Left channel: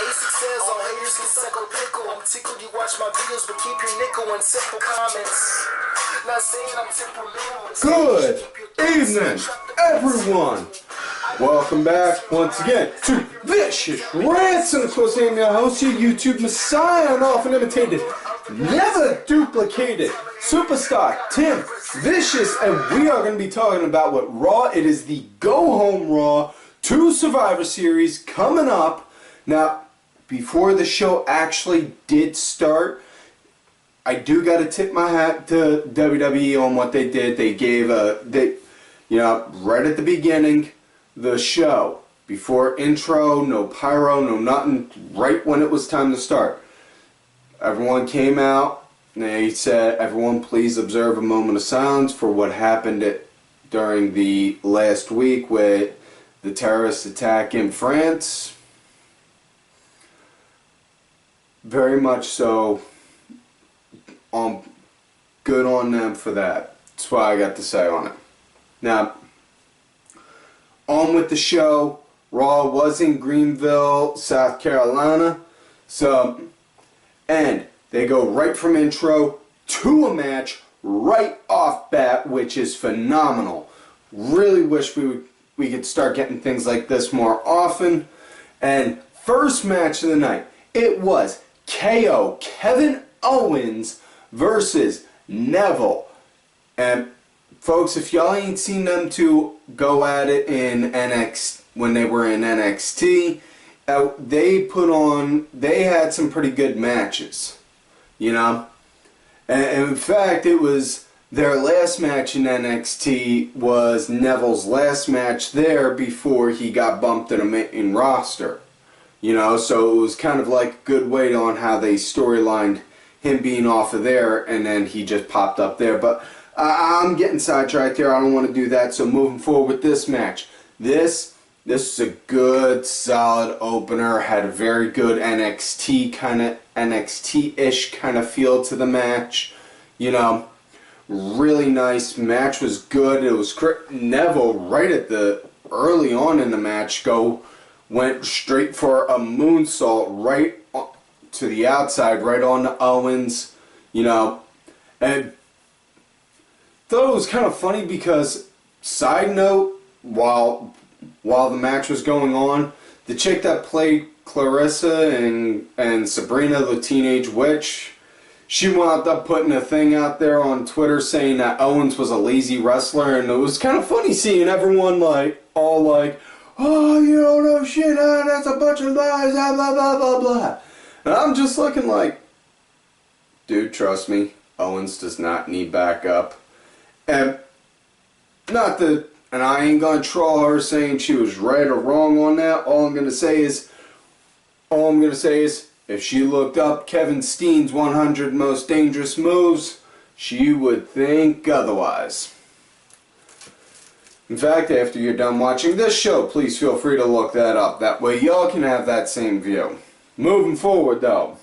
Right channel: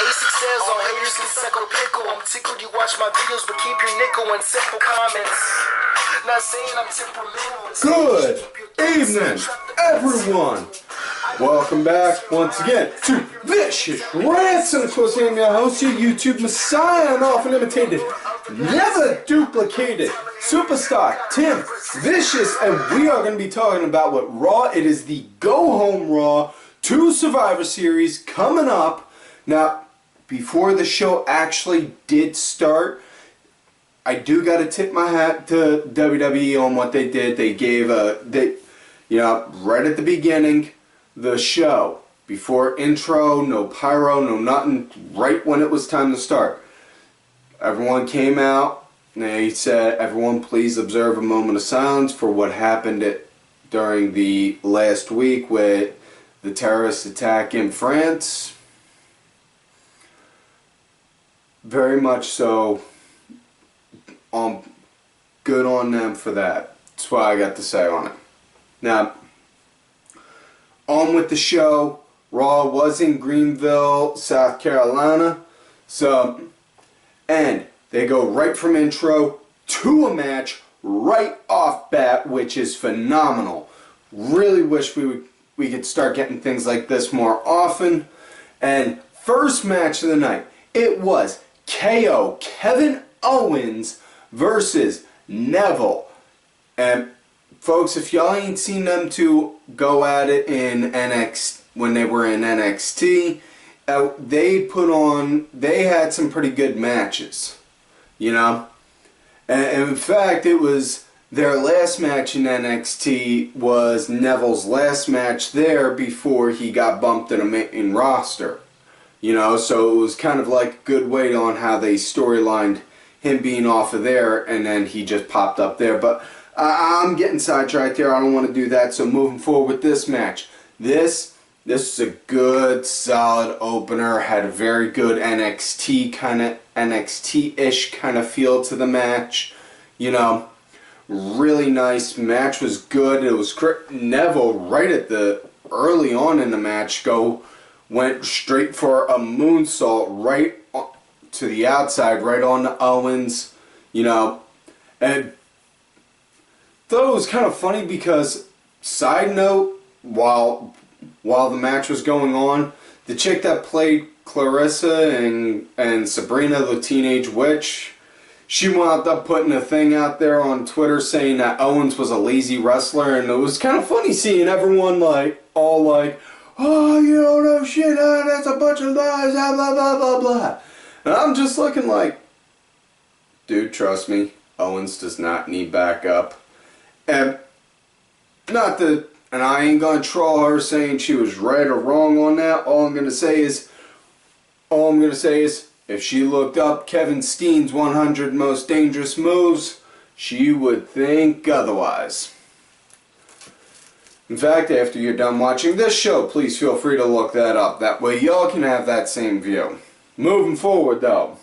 basic sales on haters can suck a pickle. I'm tickled you watch my videos, but keep your nickel in simple comments. Not saying I'm temperamental. Good evening, everyone. Welcome back once again to Vicious Rants, and of course I am your host, your YouTube messiah, and often imitated, never duplicated superstar Tim Vicious, and we are going to be talking about what Raw. It is the Go Home Raw 2 Survivor Series coming up. Now, before the show actually did start, I do got to tip my hat to WWE on what they did. They gave right at the beginning, the show, before intro, no pyro, no nothing, right when it was time to start. Everyone came out, and they said, everyone please observe a moment of silence for what happened during the last week with the terrorist attack in France. Very much so, good on them for that. That's what I got to say on it. Now, on with the show. Raw was in Greenville, South Carolina. And they go right from intro to a match right off bat, which is phenomenal. Really wish we could start getting things like this more often. And first match of the night, it was KO Kevin Owens versus Neville. And folks, if y'all ain't seen them two go at it in NXT, when they were in NXT, they had some pretty good matches, you know. And in fact, it was their last match in NXT was Neville's last match there before he got bumped in a main roster, you know. So it was kind of like a good way on how they storylined him being off of there, and then he just popped up there. But I'm getting sidetracked here. I don't want to do that. So moving forward with this match, this is a good, solid opener. Had a very good NXT-ish kind of feel to the match. You know, really nice. Match was good. It was Neville right at the early on in the match went straight for a moonsault right to the outside, right on to Owens. You know, and thought it was kind of funny because, side note, while the match was going on, the chick that played Clarissa and Sabrina the Teenage Witch, she wound up putting a thing out there on Twitter saying that Owens was a lazy wrestler, and it was kind of funny seeing everyone all like, oh, you don't know shit, that's a bunch of lies, blah blah blah blah blah. And I'm just looking like, dude, trust me, Owens does not need backup. And I ain't gonna troll her saying she was right or wrong on that. All I'm gonna say is, if she looked up Kevin Steen's 100 most dangerous moves, she would think otherwise. In fact, after you're done watching this show, please feel free to look that up. That way y'all can have that same view. Moving forward though,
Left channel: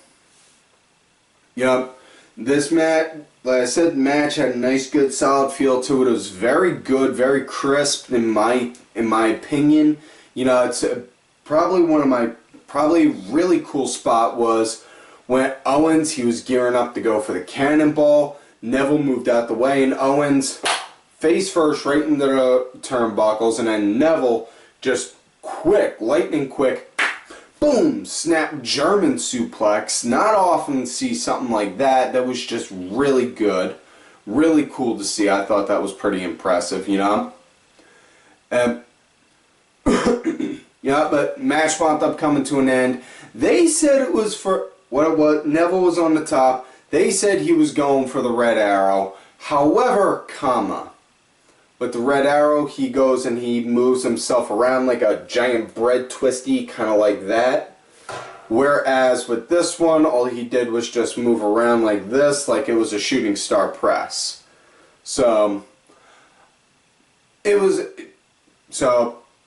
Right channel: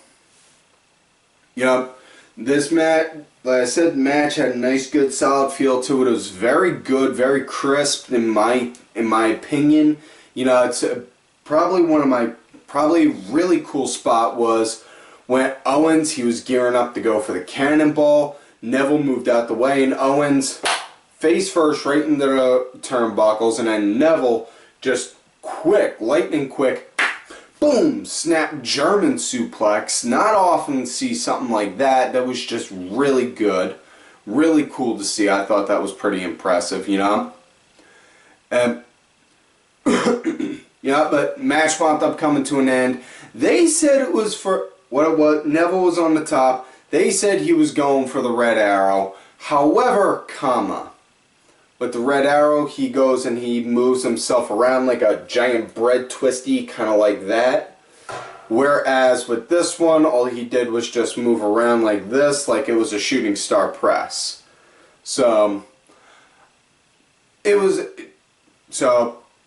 this match, like I said, the match had a nice, good, solid feel to it. It was very good, very crisp in my opinion. You know, it's probably really cool spot was when Owens, he was gearing up to go for the cannonball. Neville moved out the way, and Owens face first right into the turnbuckles, and then Neville just lightning quick, boom, snap German suplex. Not often see something like that. That was just really good. Really cool to see. I thought that was pretty impressive, you know. But match wound up coming to an end. They said it was for what it was. Neville was on the top. They said he was going for the red arrow. However, with the red arrow, he goes and he moves himself around like a giant bread twisty, kind of like that. Whereas with this one, all he did was just move around like this, like it was a shooting star press. So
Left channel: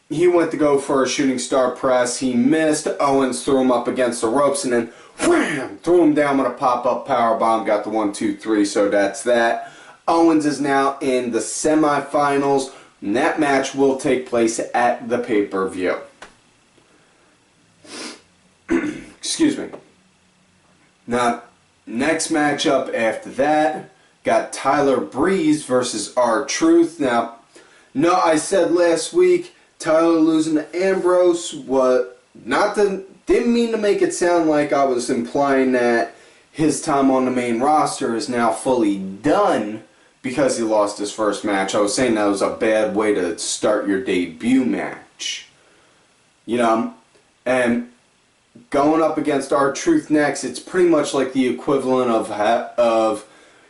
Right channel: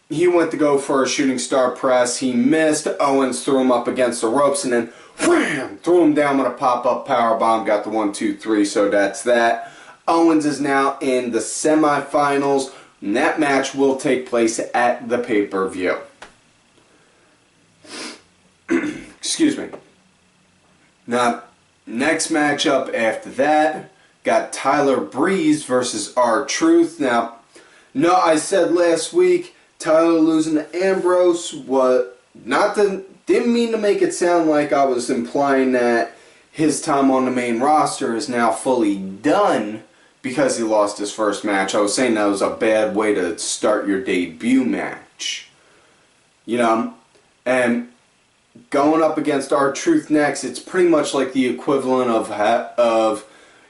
he went to go for a shooting star press. He missed. Owens threw him up against the ropes and then wham, threw him down with a pop-up powerbomb. Got the 1, 2, 3. So that's that. Owens is now in the semifinals, and that match will take place at the pay-per-view. Excuse me. Now, next matchup after that, got Tyler Breeze versus R-Truth. Now, no, I said last week, Tyler losing to Ambrose, didn't mean to make it sound like I was implying that his time on the main roster is now fully done because he lost his first match. I was saying that was a bad way to start your debut match. You know, and going up against R-Truth next, it's pretty much like the equivalent of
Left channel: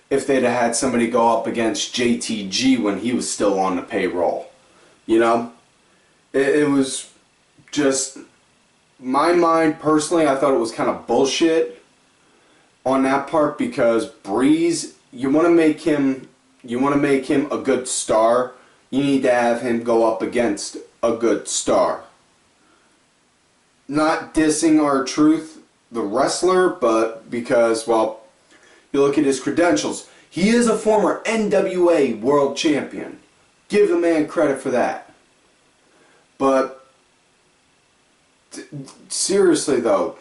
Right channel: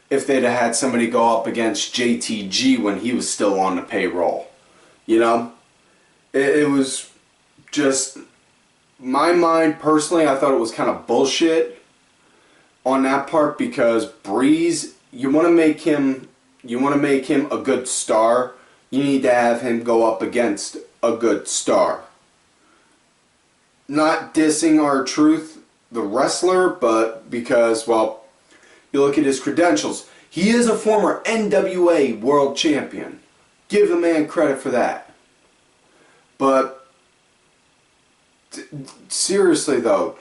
if they'd have had somebody go up against JTG when he was still on the payroll. You know? It was just, my mind personally, I thought it was kind of bullshit on that part, because Breeze, you want to make him a good star, you need to have him go up against a good star. Not dissing R-Truth, the wrestler, but because, well, you look at his credentials. He is a former NWA World Champion. Give the man credit for that. But seriously though,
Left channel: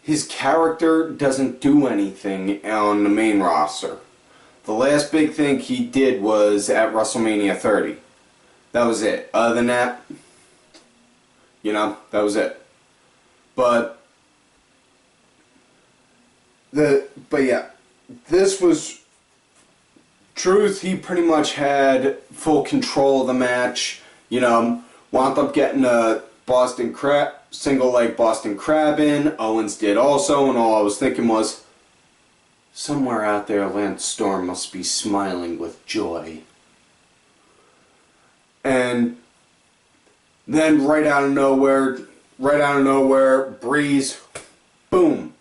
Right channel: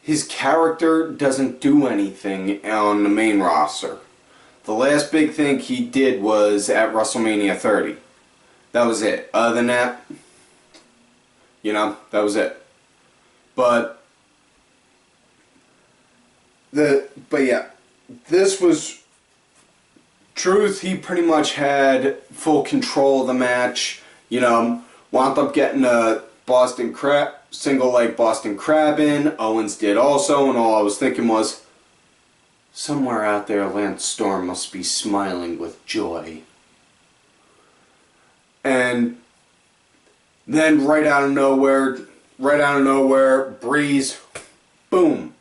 his character doesn't do anything on the main roster. The last big thing he did was at WrestleMania 30. That was it. Other than that, you know, that was it. But yeah, this was Truth. He pretty much had full control of the match. You know, wound up getting a single leg Boston Crab in. Owens did also, and all I was thinking was, somewhere out there, Lance Storm must be smiling with joy. And then right out of nowhere, Breeze, boom.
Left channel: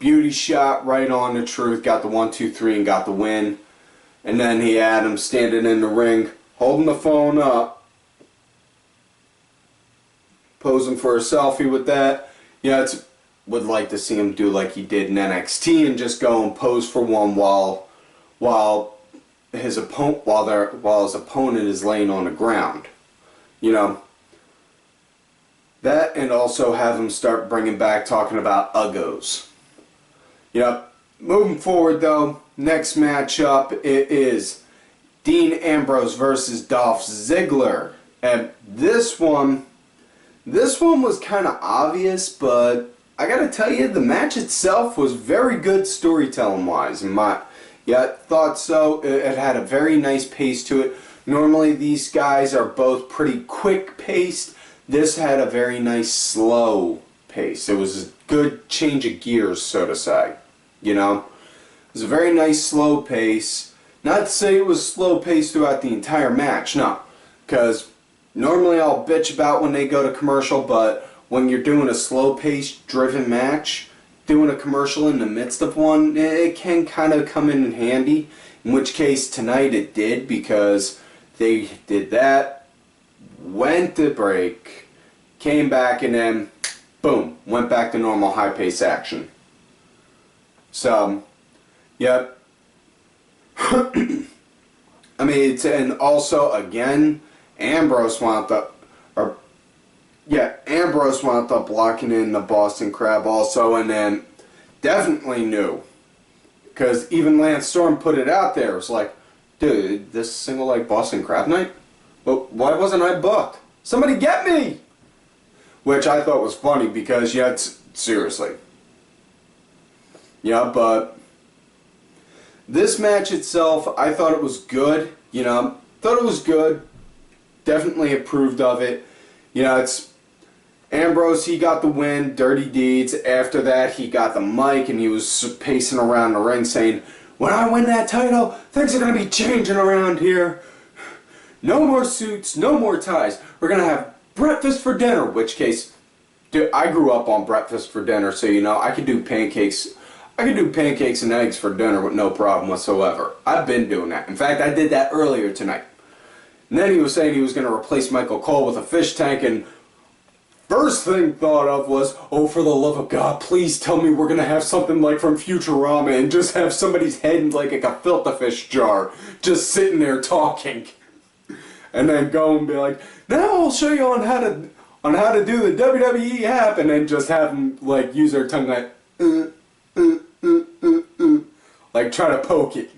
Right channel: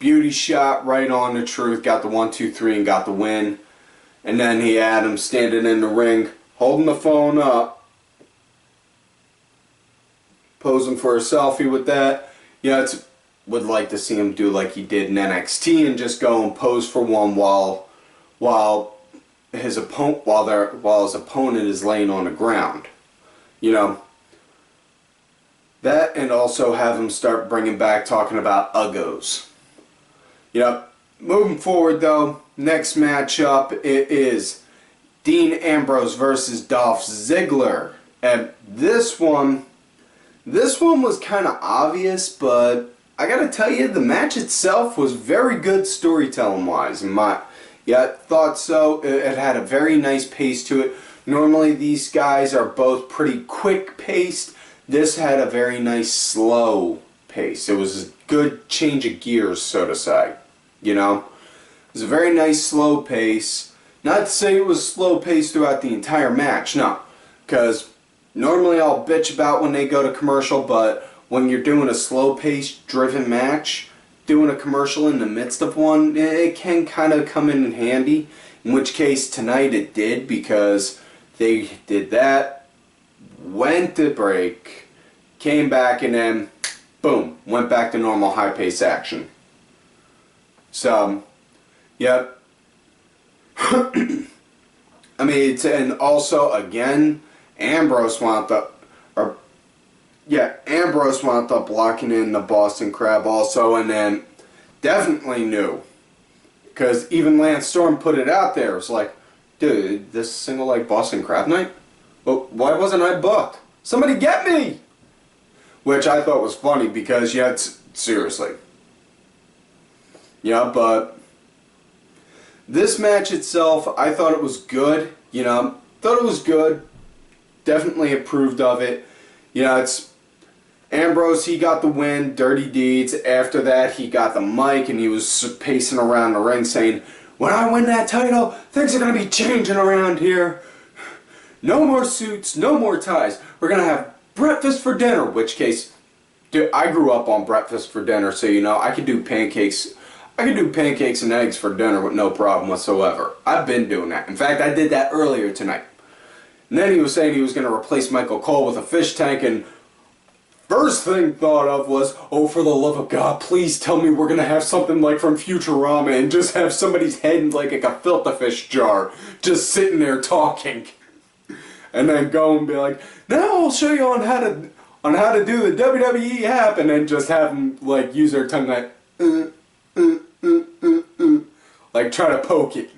Beauty shot right on the Truth, got the 1-2-3 and got the win. And then he had him standing in the ring, holding the phone up, posing for a selfie with that. Yeah, would like to see him do like he did in NXT and just go and pose for one while his opponent is laying on the ground. You know, that, and also have him start bringing back talking about uggos. Yep. Moving forward though, next matchup it is Dean Ambrose versus Dolph Ziggler. And this one was kind of obvious, but I gotta tell you, the match itself was very good storytelling wise. Thought so. It had a very nice pace to it. Normally these guys are both pretty quick paced. This had a very nice slow pace. It was a good change of gears, so to say. You know, it was a very nice slow pace. Not to say it was slow pace throughout the entire match, no. Because normally I'll bitch about when they go to commercial, but when you're doing a slow pace driven match, doing a commercial in the midst of one, it can kind of come in handy. In which case tonight it did, because they did that, went to break, came back, and then boom, went back to normal high pace action. So, yep. I mean, and also again, Ambrose wound up locking in the Boston Crab also, and then definitely knew, because even Lance Storm put it out there. It was like, dude, this single leg Boston Crab night? Well, why wasn't I booked? Somebody get me! Which I thought was funny, because seriously. Yeah, but this match itself, I thought it was good. You know, thought it was good. Definitely approved of it. You know, it's Ambrose, he got the win, dirty deeds. After that, he got the mic and he was pacing around the ring saying, when I win that title, things are going to be changing around here. No more suits, no more ties. We're going to have breakfast for dinner. Which case, dude, I grew up on breakfast for dinner, so you know, I could do pancakes. I could do pancakes and eggs for dinner with no problem whatsoever. I've been doing that. In fact, I did that earlier tonight. And then he was saying he was going to replace Michael Cole with a fish tank, and first thing thought of was, oh, for the love of God, please tell me we're going to have something like from Futurama and just have somebody's head in like a gefilte fish jar just sitting there talking. And then go and be like, now I'll show you on on how to do the WWE hap, and then just have them like use their tongue like like try to poke it.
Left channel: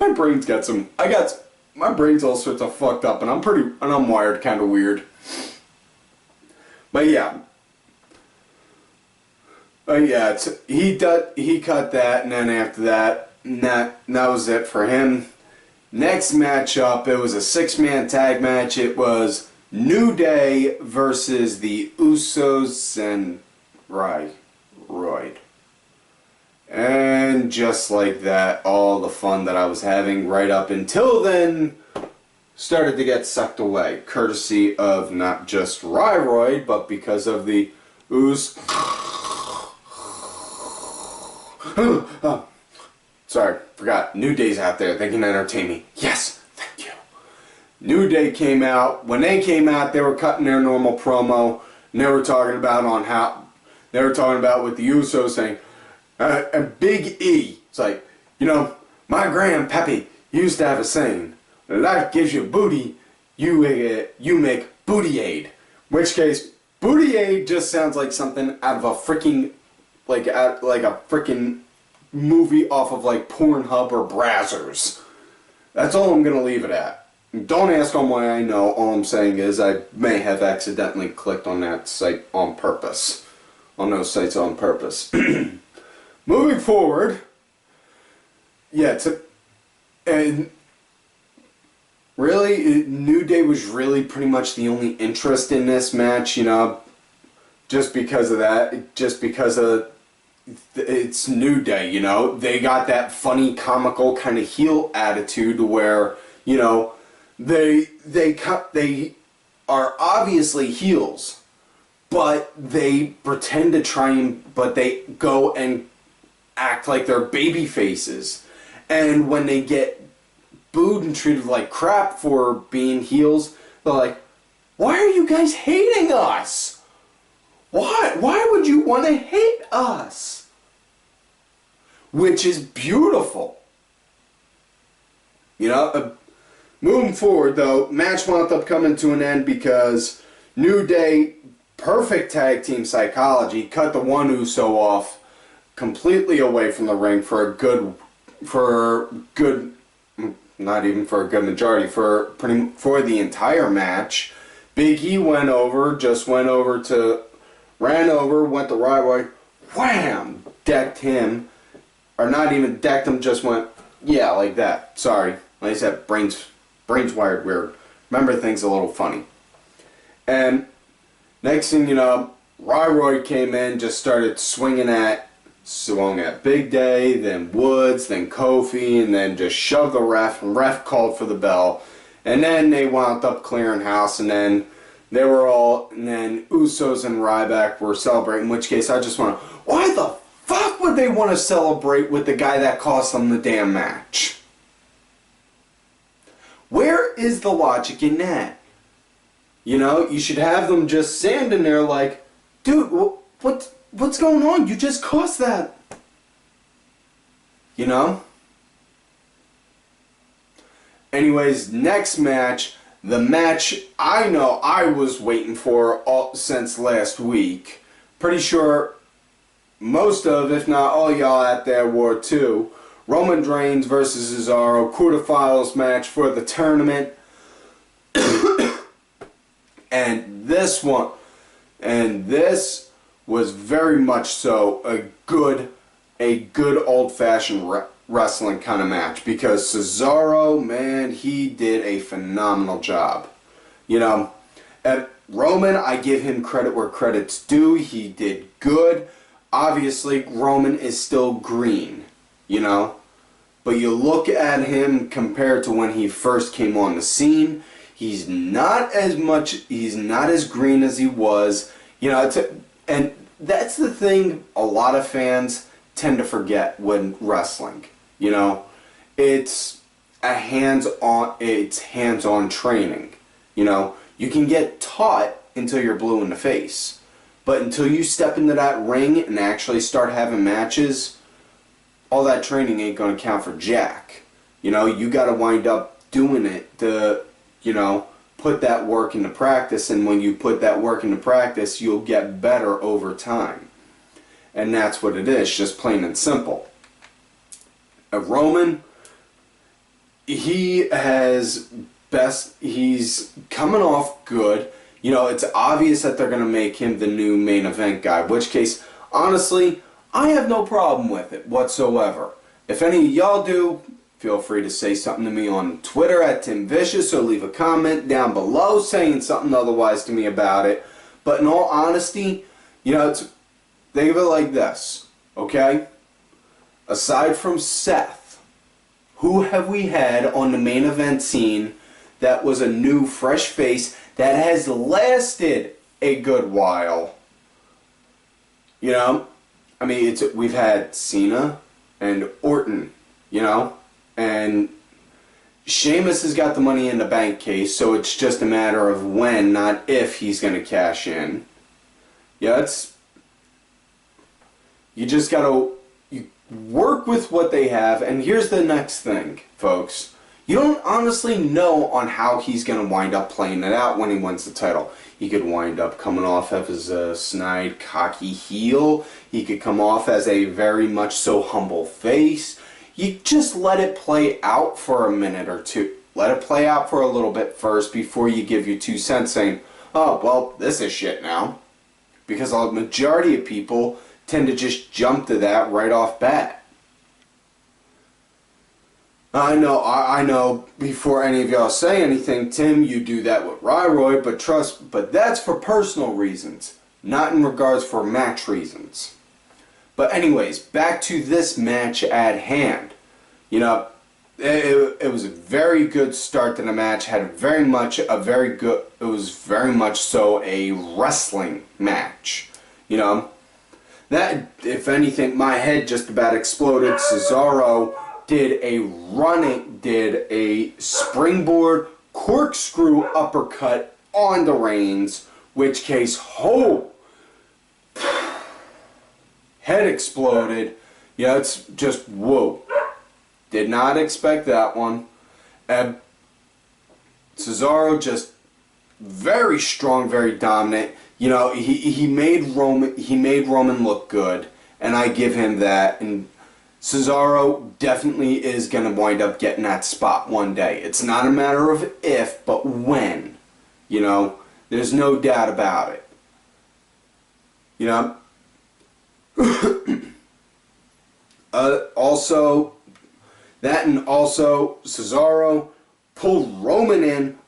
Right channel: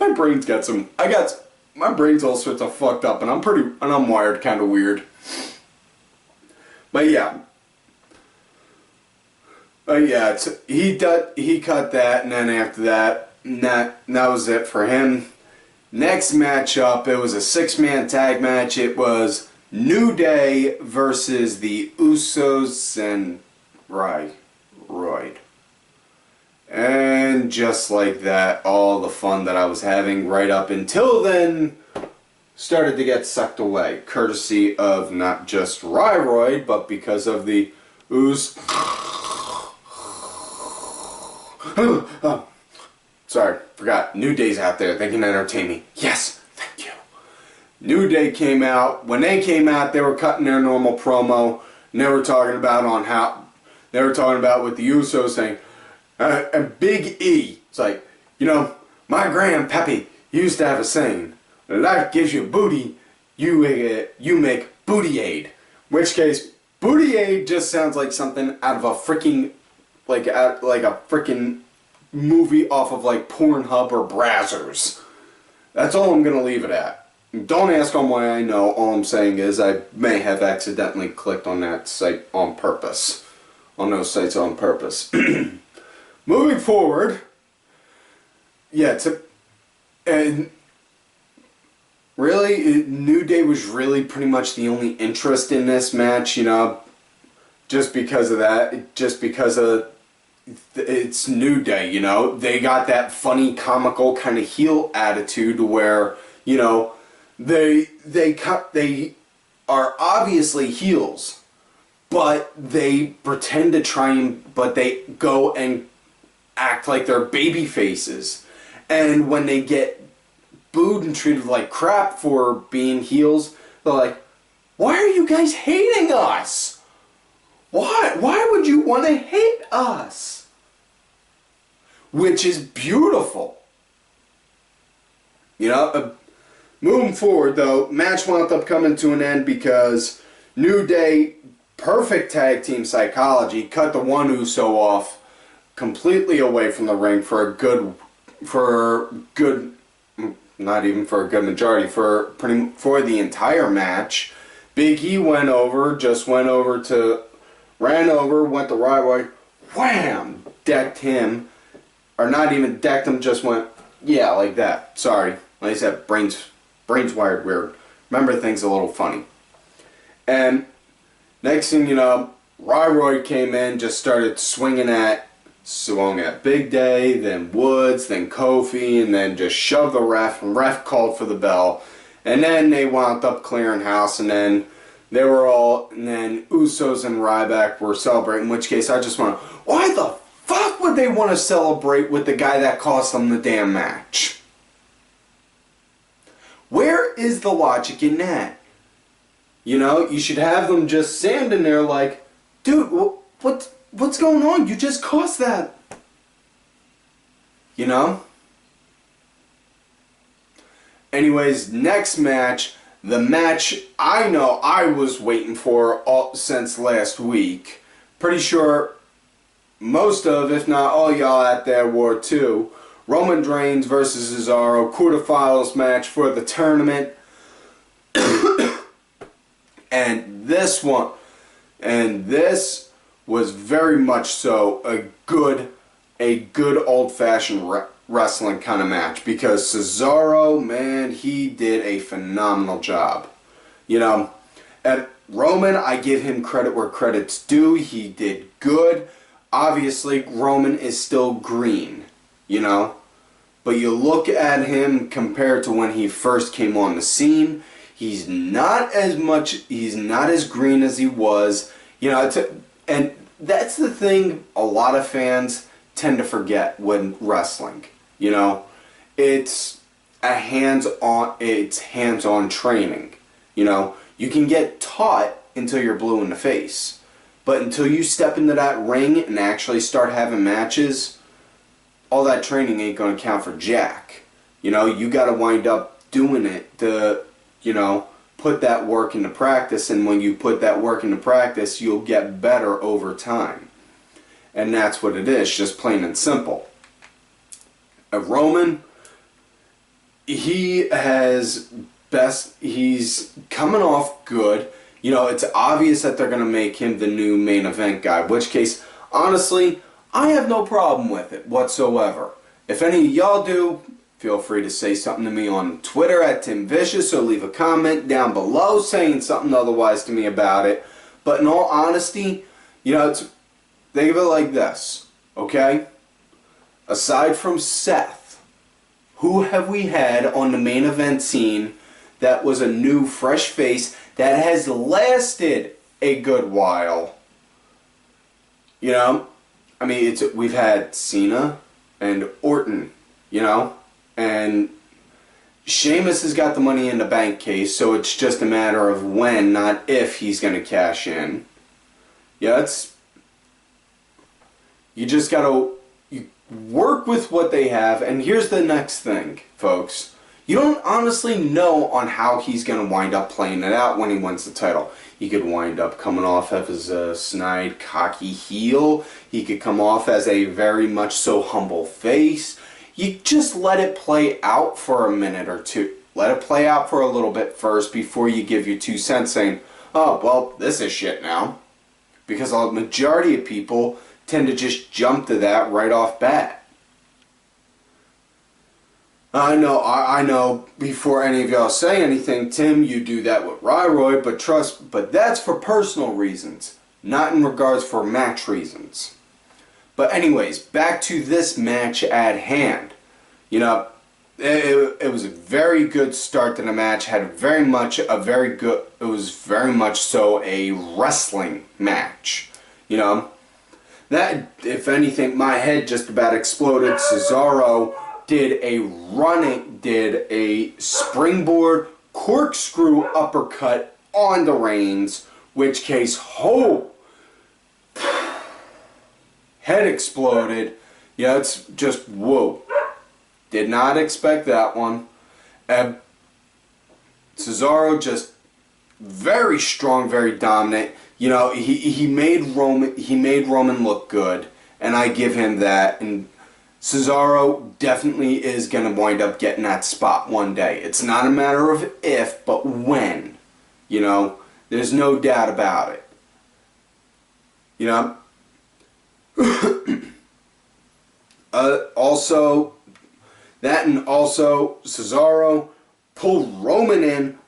My brain's got some. My brain's all sorts of fucked up, and I'm wired kind of weird. But yeah. He cut that, and then after that, that was it for him. Next matchup, it was a 6-man tag match. It was New Day versus the Usos and Royd. And just like that, all the fun that I was having right up until then started to get sucked away, courtesy of not just Royd, but because of the oh, sorry, forgot. New Day's out there. They can entertain me. Yes, thank you. New Day came out. When they came out, they were cutting their normal promo. And they were talking about with the Usos saying, and Big E. It's like, you know, my grandpappy used to have a saying, life gives you booty, you make booty aid. Which case, booty aid just sounds like something out of a freaking, like a freaking movie off of like Pornhub or Brazzers. That's all I'm going to leave it at. Don't ask on why I know. All I'm saying is I may have accidentally clicked on that site on purpose. On those sites on purpose. Moving forward, and really, New Day was really pretty much the only interest in this match, you know, just because of that, just because of it's New Day, you know, they got that funny, comical kind of heel attitude where, you know, they are obviously heels, but they pretend to try and, but they go and act like they're baby faces. And when they get booed and treated like crap for being heels, they're like, why are you guys hating us? Why would you want to hate us? Which is beautiful. You know, moving forward though, match wound up coming to an end because New Day, perfect tag team psychology, cut the one Uso off completely away from the ring for a good, not even for a good majority, for the entire match. Big E went over, went to Ryback, wham, decked him, or not even decked him, just went, yeah, like that. Sorry, like I said, brains wired weird. Remember things a little funny. And next thing you know, Ryback came in, just started swung at Big Day, then Woods, then Kofi, and then just shoved the ref, and ref called for the bell. And then they wound up clearing house, and then and then Usos and Ryback were celebrating, in which case I just went, why the fuck would they want to celebrate with the guy that cost them the damn match? Where is the logic in that? You know, you should have them just standing there like, dude, what's going on? You just cost that. You know? Anyways, next match, the match I know I was waiting for since last week. Pretty sure most of, if not all y'all out there were too. Roman Reigns versus Cesaro, quarterfinals match for the tournament. And this was very much so a good old-fashioned wrestling kind of match, because Cesaro, man, he did a phenomenal job. You know, at Roman, I give him credit where credit's due. He did good. Obviously, Roman is still green, you know, but you look at him compared to when he first came on the scene, he's not as green as he was, you know, and that's the thing a lot of fans tend to forget when wrestling. You know, it's hands-on training. You know, you can get taught until you're blue in the face, but until you step into that ring and actually start having matches, all that training ain't gonna count for jack. You know, you gotta wind up doing it to, you know, put that work into practice, and when you put that work into practice, you'll get better over time. And that's what it is, just plain and simple. Roman, he's coming off good. You know, it's obvious that they're going to make him the new main event guy, which case, honestly, I have no problem with it whatsoever. If any of y'all do, feel free to say something to me on Twitter @TimVicious, or leave a comment down below saying something otherwise to me about it. But in all honesty, you know, think of it like this, okay? Aside from Seth, who have we had on the main event scene that was a new, fresh face that has lasted a good while? You know? I mean, we've had Cena and Orton, you know? And Sheamus has got the Money in the Bank case, so it's just a matter of when, not if, he's going to cash in. Yeah, you just got to work with what they have. And here's the next thing, folks. You don't honestly know on how he's going to wind up playing it out when he wins the title. He could wind up coming off as a snide, cocky heel. He could come off as a very much so humble face. You just let it play out for a minute or two. Let it play out for a little bit first before you give your 2 cents saying, oh, well, this is shit now. Because a majority of people tend to just jump to that right off bat. I know, before any of y'all say anything, Tim, you do that with Ryroy, but that's for personal reasons, not in regards for match reasons. But anyways, back to this match at hand. You know, it was a very good start to the match. It was very much so a wrestling match. You know, that, if anything, my head just about exploded. Cesaro did a springboard corkscrew uppercut on the Reigns, which case, head exploded. Yeah, it's just, whoa. Did not expect that one. Cesaro just very strong, very dominant. You know, he made Roman look good, and I give him that. And Cesaro definitely is going to wind up getting that spot one day. It's not a matter of if, but when. You know, there's no doubt about it. You know, also Cesaro pulled Roman in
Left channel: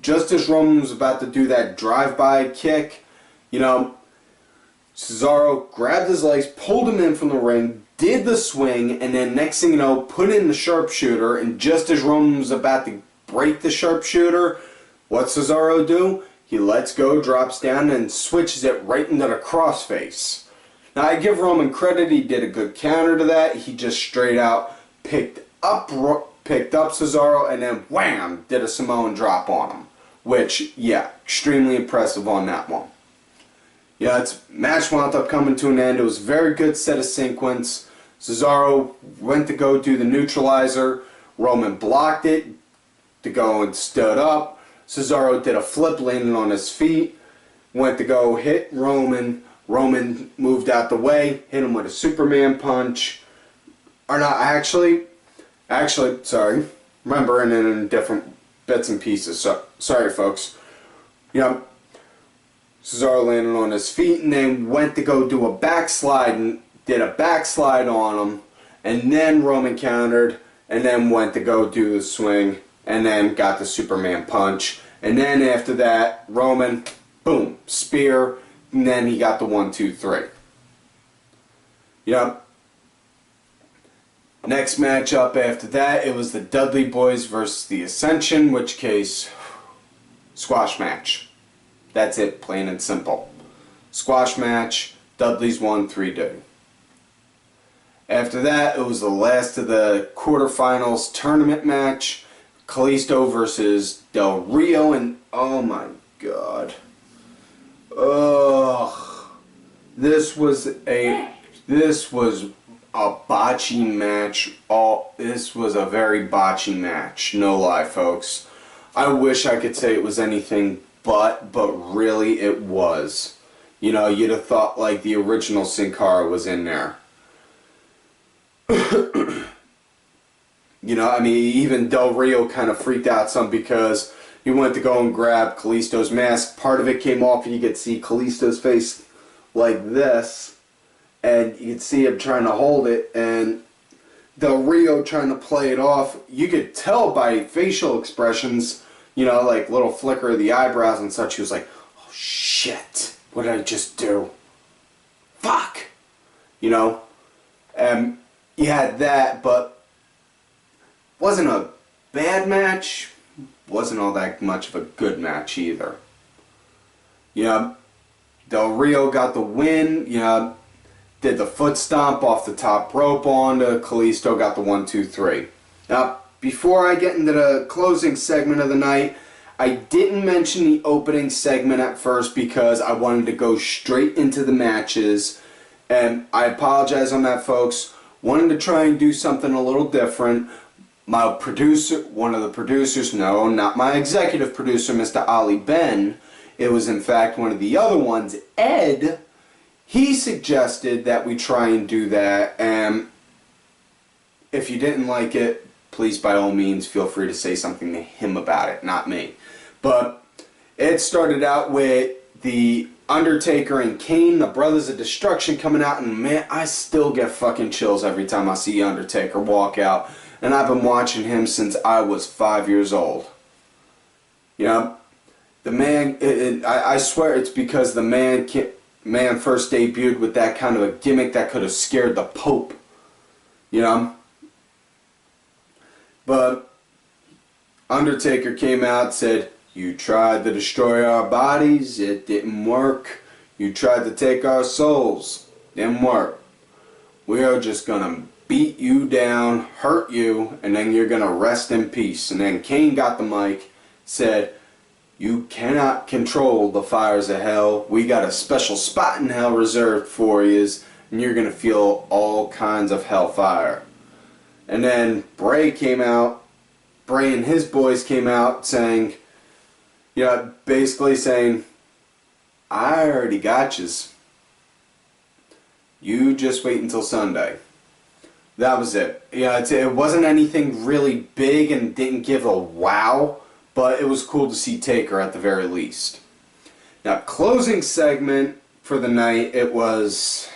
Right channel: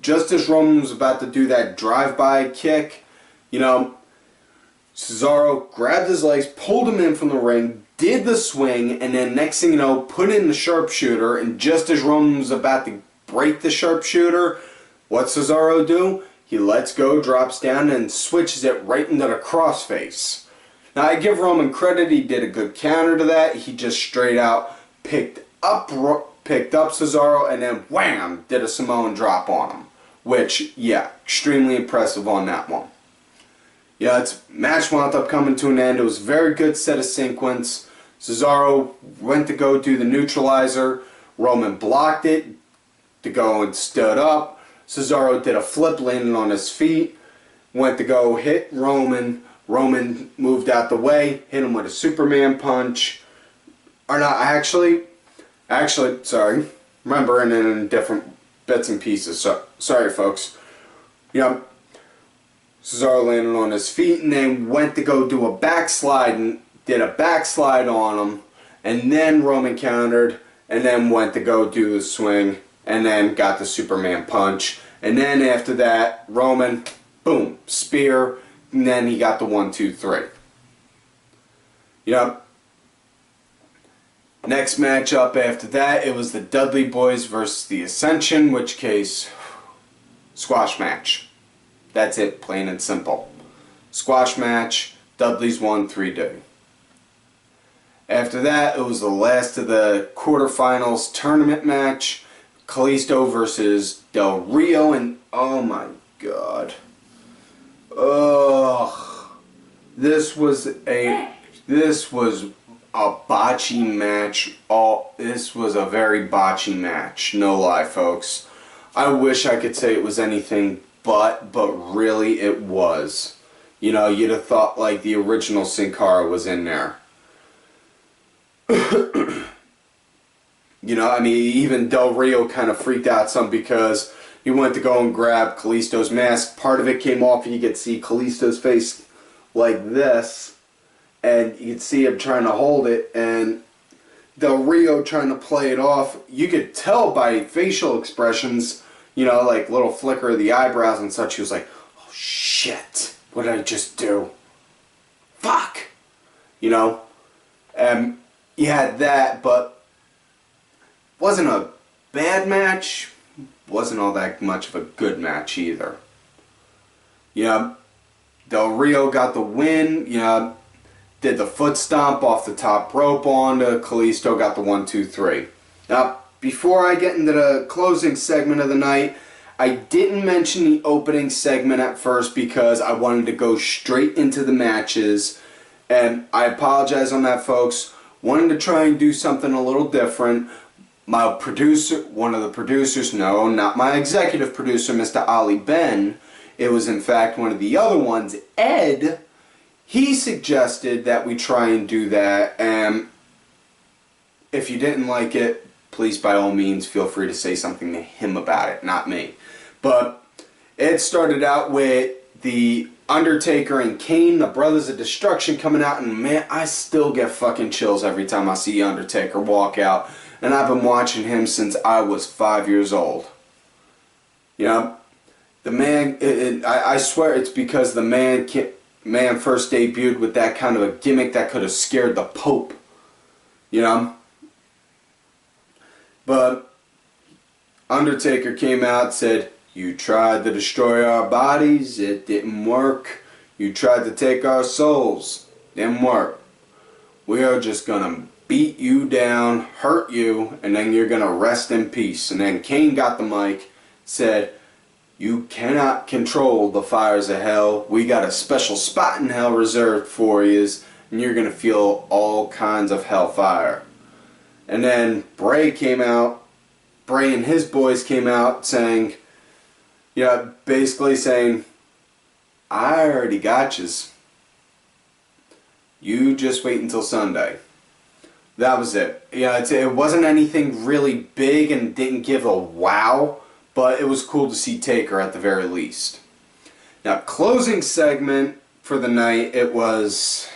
just as Roman was about to do that drive-by kick. You know, Cesaro grabbed his legs, pulled him in from the ring, did the swing, and then next thing you know, put in the sharpshooter. And just as Roman was about to break the sharpshooter, what's Cesaro do? He lets go, drops down, and switches it right into the crossface. Now, I give Roman credit. He did a good counter to that. He just straight out picked up Cesaro and then wham, did a Samoan drop on him. Which, yeah, extremely impressive on that one. Yeah, its match wound up coming to an end. It was a very good set of sequence. Cesaro went to go do the neutralizer. Roman blocked it to go and stood up. Cesaro did a flip, landing on his feet. Went to go hit Roman. Roman moved out the way, hit him with a Superman punch. Or not, actually, sorry. Remembering it in different bits and pieces. So, sorry, folks. You know, Cesaro landed on his feet and then went to go do a backslide and did a backslide on him. And then Roman countered and then went to go do the swing and then got the Superman punch. And then after that, Roman, boom, spear. And then he got the 1, 2, 3. You know, next matchup after that, it was the Dudley Boyz versus the Ascension, which case, squash match. That's it, plain and simple. Squash match, Dudley's won 3-2. After that, it was the last of the quarterfinals tournament match, Kalisto versus Del Rio, and oh my god. Ugh. This was a botchy match. This was a very botchy match. No lie, folks. I wish I could say it was anything but really it was. You know, you'd have thought like the original Sin Cara was in there. You know, I mean, even Del Rio kind of freaked out some because he went to go and grab Kalisto's mask. Part of it came off and you could see Kalisto's face like this. And you could see him trying to hold it. And Del Rio trying to play it off. You could tell by facial expressions, you know, like little flicker of the eyebrows and such. He was like, oh shit, what did I just do? Fuck! You know? And you had that, but wasn't a bad match. Wasn't all that much of a good match either. You know, Del Rio got the win. You know, did the foot stomp off the top rope onto Kalisto, got the 1, 2, 3. Now, before I get into the closing segment of the night, I didn't mention the opening segment at first because I wanted to go straight into the matches. And I apologize on that, folks. Wanted to try and do something a little different. My producer, one of the producers, no, not my executive producer, Mr. Ali Ben, it was in fact one of the other ones, Ed, he suggested that we try and do that, and if you didn't like it, please by all means feel free to say something to him about it, not me. But it started out with the Undertaker and Kane, the Brothers of Destruction, coming out, and man, I still get fucking chills every time I see Undertaker walk out. And I've been watching him since I was 5 years old. You know, the man, I swear it's because the man first debuted with that kind of a gimmick that could have scared the Pope. You know? But Undertaker came out, said, you tried to destroy our bodies, it didn't work. You tried to take our souls, didn't work. We are just gonna beat you down, hurt you, and then you're gonna rest in peace. And then Kane got the mic, said, you cannot control the fires of hell. We got a special spot in hell reserved for you, and you're gonna feel all kinds of hellfire. And then Bray came out, Bray and his boys came out saying, yeah, basically saying, I already got yous. You just wait until Sunday. That was it. Yeah, it wasn't anything really big and didn't give a wow, but it was cool to see Taker at the very least. Now, closing segment for the night, it was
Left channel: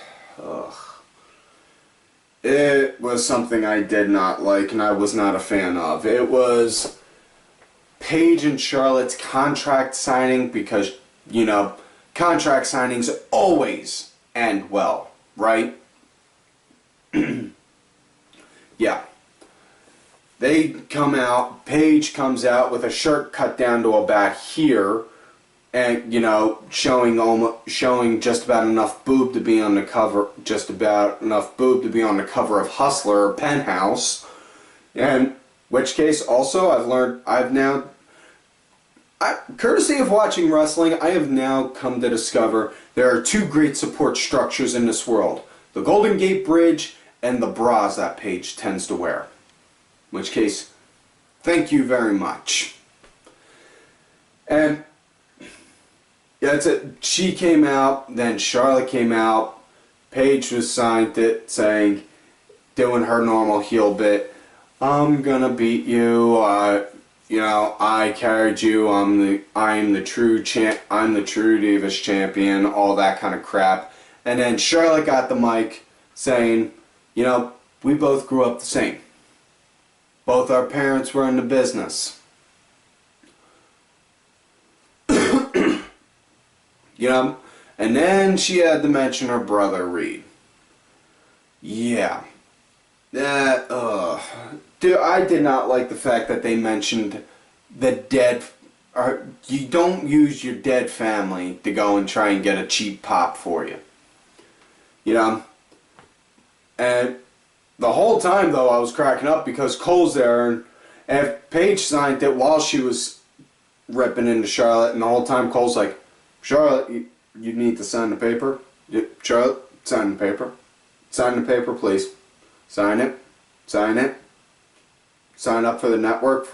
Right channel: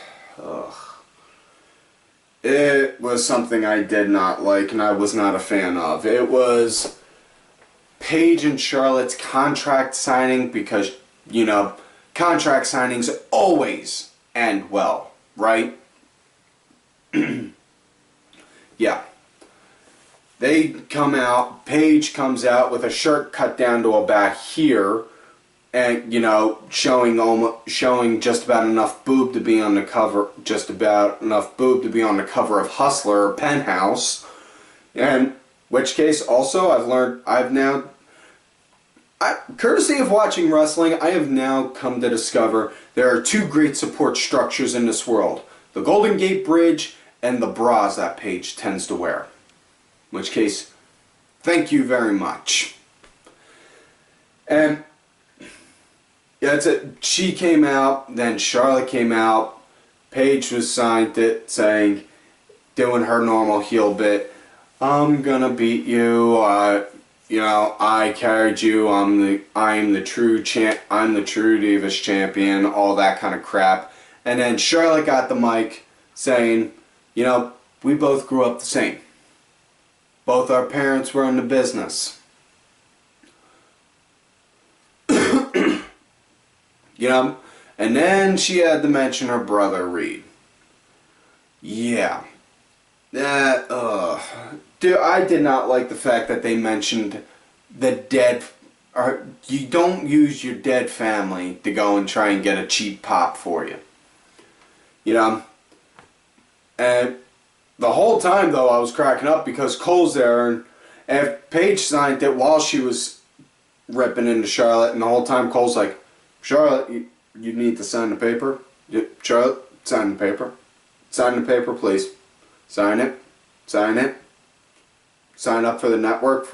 something I did not like and I was not a fan of. It was Paige and Charlotte's contract signing because, you know, contract signings always end well, right? Yeah. They come out, Paige comes out with a shirt cut down to about here, and, you know, showing just about enough boob to be on the cover, of Hustler or Penthouse. And, which case, also, courtesy of watching wrestling, I have now come to discover there are two great support structures in this world. The Golden Gate Bridge and the bras that Paige tends to wear. In which case, thank you very much. And yeah, that's it. She came out, then Charlotte came out. Paige was signed it, saying, doing her normal heel bit, I'm gonna beat you. You know, I carried you. I'm the true Divas champion. All that kind of crap. And then Charlotte got the mic, saying, you know, we both grew up the same. Both our parents were in the business. You know, and then she had to mention her brother Reed. Yeah. Dude, I did not like the fact that they mentioned the dead, or you don't use your dead family to go and try and get a cheap pop for you. You know? And the whole time, though, I was cracking up because Cole's there, and if Paige signed it while she was ripping into Charlotte, and the whole time Cole's like, Charlotte, you need to sign the paper. Charlotte, sign the paper. Sign the paper, please. Sign it. Sign it. Sign up for the network.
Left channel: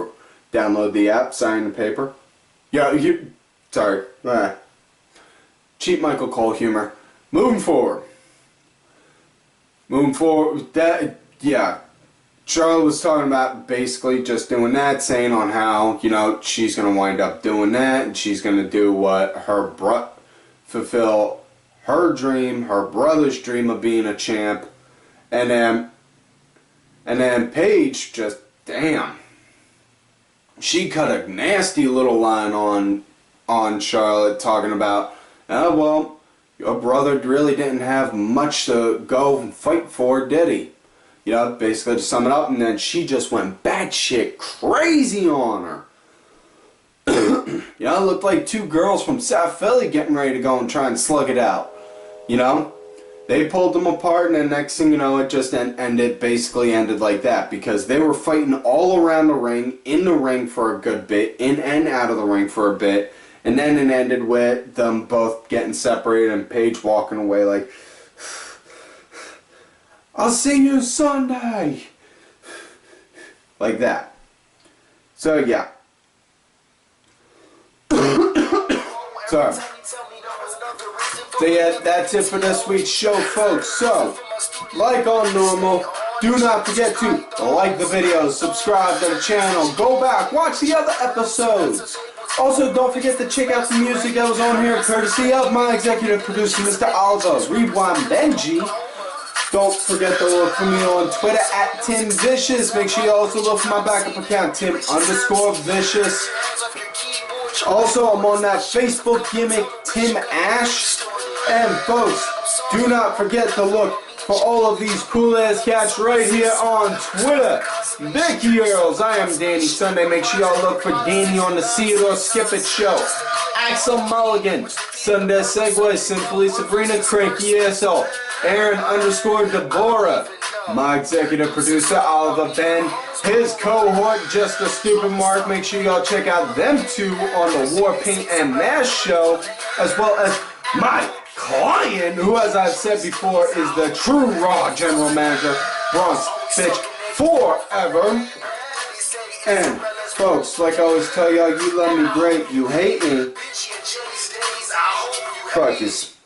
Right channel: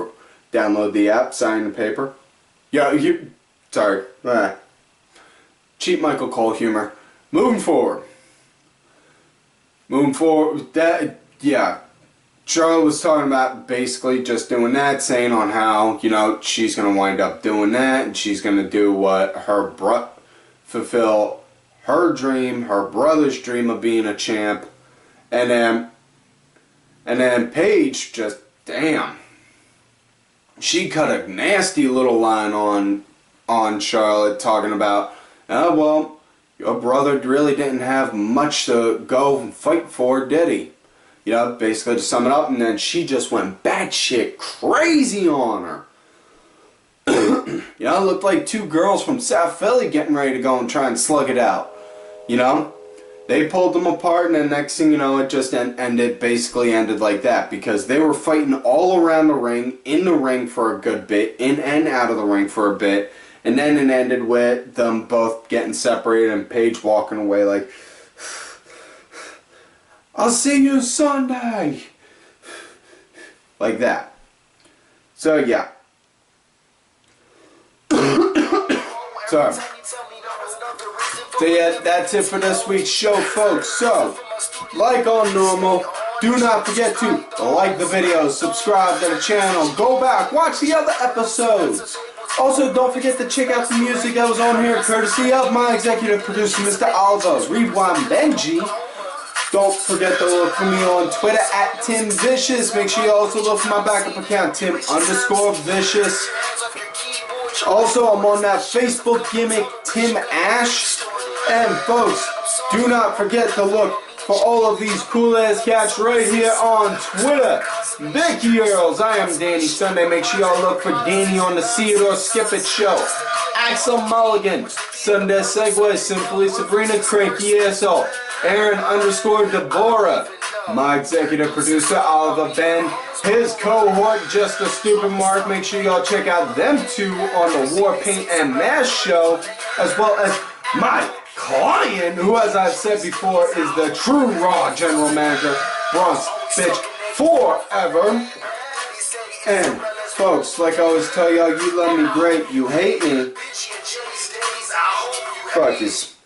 Download the app, sign the paper. Yeah, sorry. Cheap Michael Cole humor. Moving forward, Charlotte was talking about basically just doing that, saying on how, you know, she's going to wind up doing that, and she's going to do what fulfill her dream, her brother's dream of being a champ, and then Paige just, damn, she cut a nasty little line on Charlotte, talking about, oh, well, your brother really didn't have much to go and fight for, did he? You know, basically to sum it up, and then she just went batshit crazy on her. You know, it looked like two girls from South Philly getting ready to go and try and slug it out. You know? They pulled them apart, and then next thing you know, it just basically ended like that, because they were fighting all around the ring, in the ring for a good bit, in and out of the ring for a bit, and then it ended with them both getting separated and Paige walking away like, I'll see you Sunday! Like that. So, yeah. Sorry. So, yeah, that's it for this week's show, folks. So, like all normal, do not forget to like the video, subscribe to the channel, go back, watch the other episodes. Also, don't forget to check out the music that was on here, courtesy of my executive producer, Mr. Alberto Benji. Don't forget to look for me on Twitter at TimVicious. Make sure you also look for my backup account, Tim_Vicious. Also, I'm on that Facebook gimmick, Tim Ash. And folks, do not forget to look for all of these cool ass cats right here on Twitter. Vicky Earls, I am Danny Sunday. Make sure y'all look for Danny on the See It or Skip It show. Axel Mulligan, Sunday Segway, Simply Sabrina, Cranky Asshole, Aaron_Deborah, my executive producer Oliver Ben, his cohort Just a Stupid Mark. Make sure y'all check out them two on the War Paint and Mask show, as well as my client, who, as I've said before, is the true Raw General Manager, Bronx Bitch Forever. And folks, like I always tell y'all, you love me great, you hate me. Fuck yous.